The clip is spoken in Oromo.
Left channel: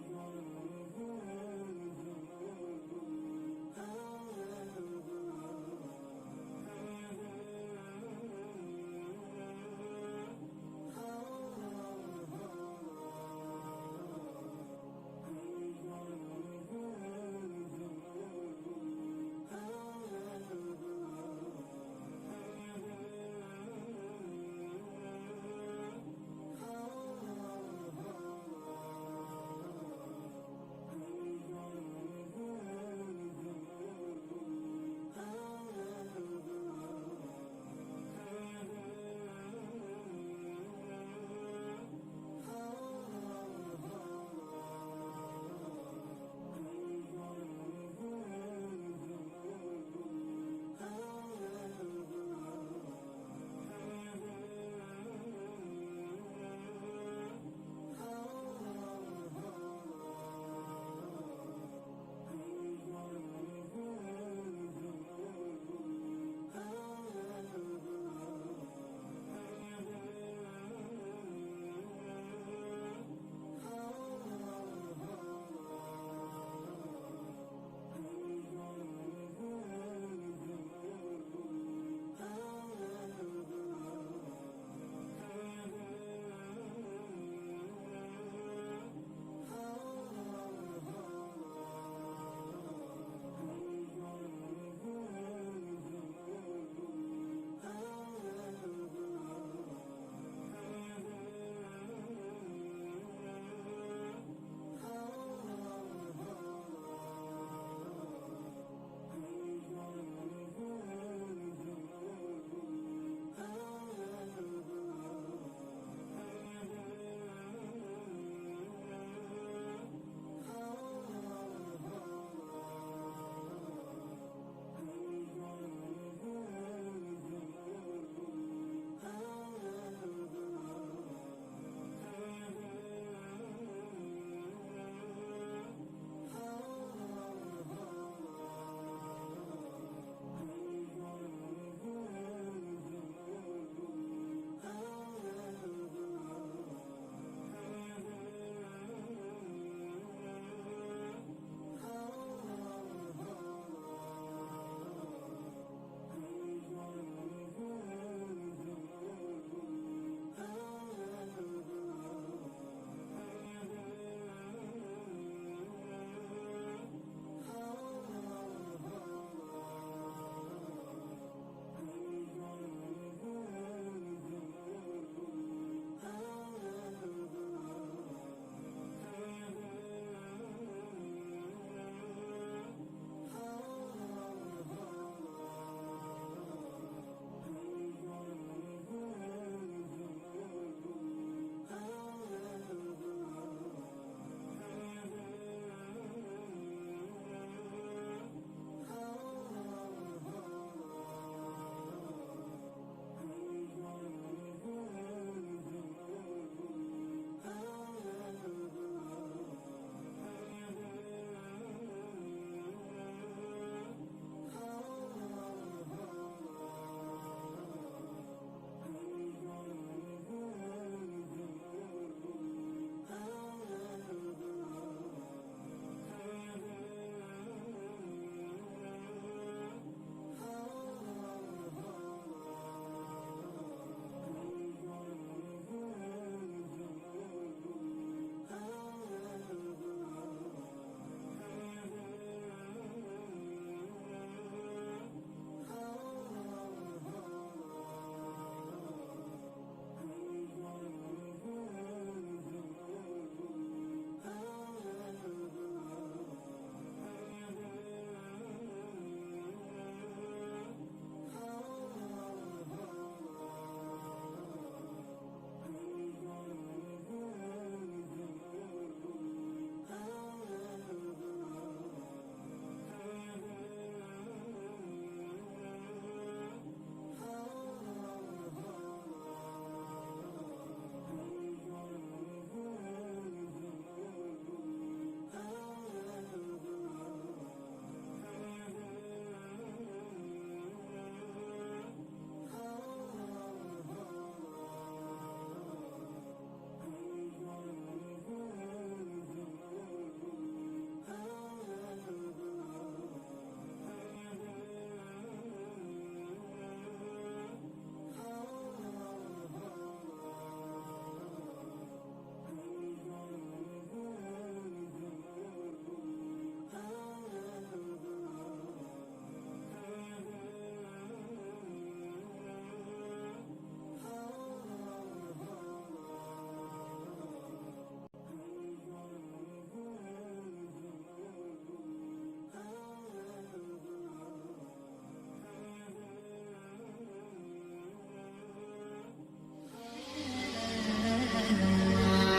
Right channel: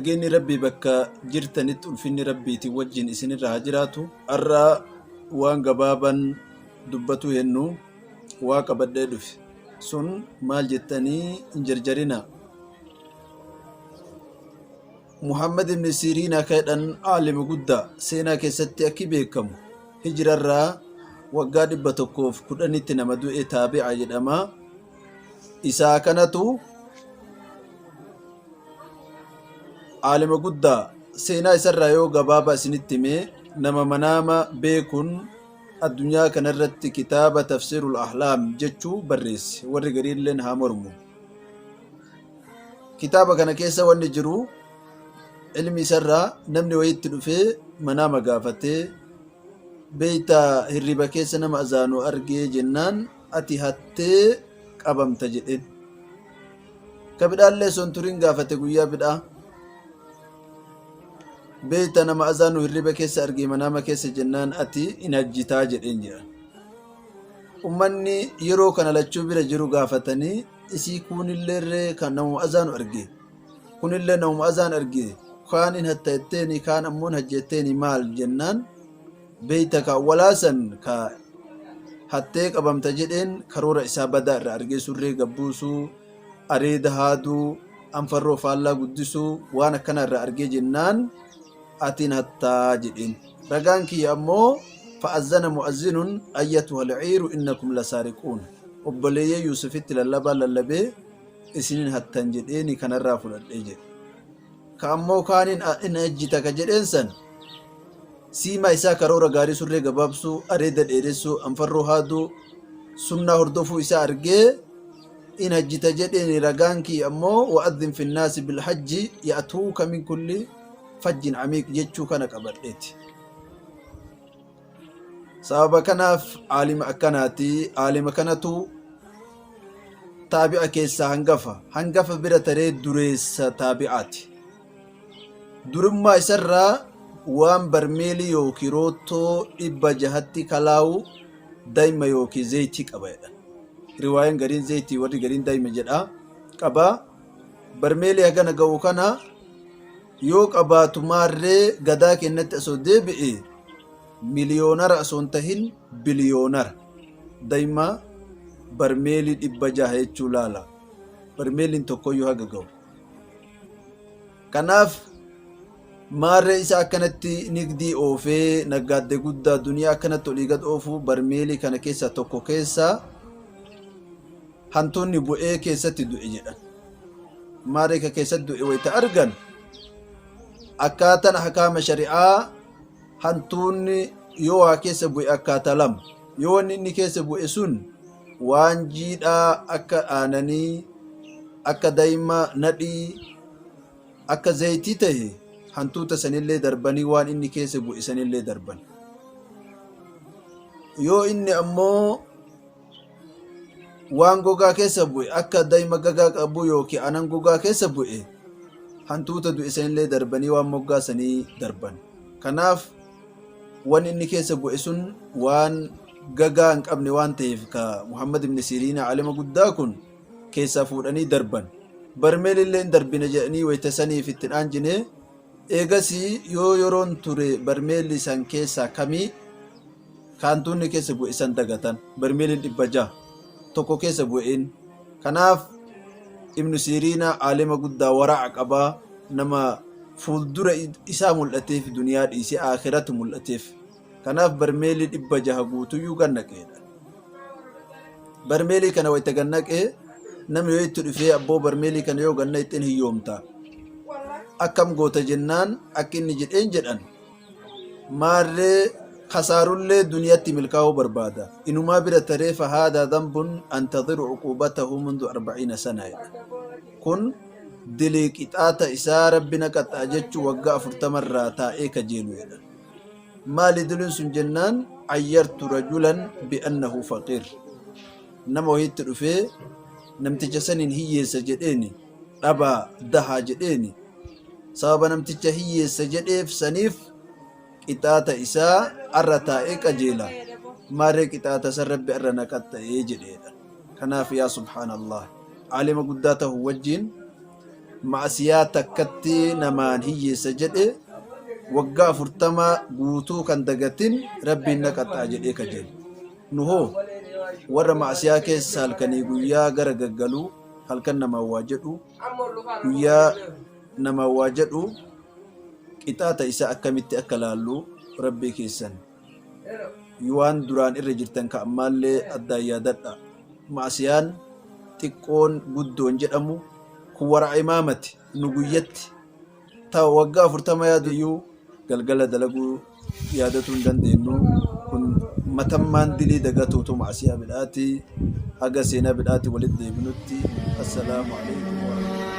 نجيني ربي بكا جرتنت الفني ربي توجين إسن الراجراتو الرا وان قبابا دبتو هنو واقع بددف سن مال جتني انجرجرنا محمد بن سيرين كيدن عالم قد سينا كيستي أكي بيكم هجر الرا وقاد بتوكوف كدني تنمدو تابع جدما إسا كانتو عالم قد سينا إسر يو قبابا سنتمي نما مناما بيكون الدنيا كنرت كتاب تفسير الأحلام جتشو بريس ورقرين لن هامرمو كتابة كان كيسا ونجرو علمي سرّا نمني ويتلو في منام قافته بيتا هربا كيسا نما أزانو أرقي جنان أتي هاتي قبم تجدين كبدا اللي سنترين قافته قويا بدا بيتا نما أزانو هربا كيسا أرقي منام كيسا جنان أتي إنجتا جدين جان أماني يرو كان لچو بلا جرو قافتني إسي كون اللي كان نمو أزانو أرقي كون اللي نمو أزان أرقي كان حتى التاني كان أمون هجتيني مال جنان بيتك ولاسن كا حتى قبم تجدين كرورة إسابة أرقي سوري قبوسو أريد هادو أنفرو فالله قدسو وانا كان أرقي جنان أتين حتى جدين رقانك أمو فأذن مؤذن أيتها العير إنكم لسارقون وبليه يوسفت للبا للبي إسنين حتى جديني كان الرافل الأجل كأمو كان إن أجتك جدينسن سيما إسا كرورة غاري سوري غبابسو أريد الإرسو أنفرو هادو سنة هردفو إسا أرقي إن أجت جديني رقانكي أمو وأذن في الناس بالحج يأتوك من كل فج عميق جتشو كان كبرئتي sababa kanaaf aalima akkanaati aalima kanatu taabi'a keessa hangafa bira taree dureessa taabi'aati durummaa isarraa waan barmeelii yookiin rootoo 600 kalaawu daa'ima yookiin zayitii qabaadha riwaayaan gariin zayitii warri gariin daa'ima jedha qaba barmeelii hagana ga'u kana yoo qabaatu maarree gadaa kennatti asoo deebi'e miliyoonar asoon tahin biliyoonar daa'ima barmeelii 600 jechuu laala barmeeliin tokkoyyuu haga ga'u kanaaf maarree isa akkanatti nigdii oofee naggaadde guddaa duniyaa akkanatti olii gad oofuu barmeelii kana keessa tokko keessa hantuunni bu'ee keessatti du'e jedhan maarree ka keessatti du'e wayita argan akkaataan hakaama shari'aa hantuunni yoo waa keessa bu'e akkaataa lama yoo wanni inni keessa bu'e sun waan jiidhaa akka aananii akka daa'ima nadhii akka zayitii ta'e hantuuta sanillee darbanii waan inni keessa bu'e sanillee darban yoo inni ammoo waan gogaa keessa bu'e akka daa'ima gagaa qabu yookiin anan gogaa keessa bu'e hantuuta du'e sanillee darbanii waan moggaa sanii darban kanaaf waan inni keessa bu'e sun waan gagaa hin qabne waan ta'eef ka Muhammad ibn Siriin alima guddaa kun keessaa fuudhanii darban barmeelillee hin darbine jedhanii wayita saniif ittiin aanjine eegasii yoo yeroon ture barmeelli san keessaa kamii kaantuunni keessa bu'e san dagatan barmeelin 600 tokko keessa bu'een kanaaf ibnu Siriin alima guddaa waraa'a qabaa nama fuuldura isaa mul'ateef duniyaa dhiisee aakhiratu mul'ateef kanaaf barmeelii 600 guutuyyuu gannaqeedha barmeelii kana wayita gannaqee namni yoo itti dhufee abboo barmeelii kana yoo ganna ittiin hiyyoomta akkam goota jennaan akka inni jedhan maarree kasaarullee duniyaatti milkaa'uu barbaada inumaa bira taree fahaadaa dambun antadhiru cuqubatahu mundu 40 sana kun dilii qixaata isaa rabbina qaxaa jechuu waggaa 40 irraa taa'ee kajeelu jedha maali diliin sun jennaan ayyartu rajulan bi'annahu faqiir nama wahitti dhufee namticha saniin hiyyeessa jedheeni dhabaa dahaa jedheeni sababa namticha hiyyeessa jedheef saniif qixaata isaa arra taa'ee qajeela maarree qixaata san rabbi arra na qaxa'ee jedheedha kanaaf yaa subhaanallah alima guddaa ta'u wajjiin معصية تكتي نمان هي سجد وقع فرتما قوتو كان دقتين ربي نكت أجل إيكا جل نهو ورا معصية كيس هالكني قويا غرققلو هالكن نما واجدو قويا نما واجدو إتاتا إسا أكمت أكلالو ربي كيسان يوان duraan irra jirtan ka ammallee adda yaadadha maasiyaan xiqqoon guddoon jedhamu kun wara imaamati nu guyyatti ta waggaa 40 yaadiyyuu galgala dalaguu yaadatu hin dandeenyu kun matammaan dilii dagatuutu maasiyaa bidhaati haga seenaa bidhaati walitti deebinutti assalaamu alaykum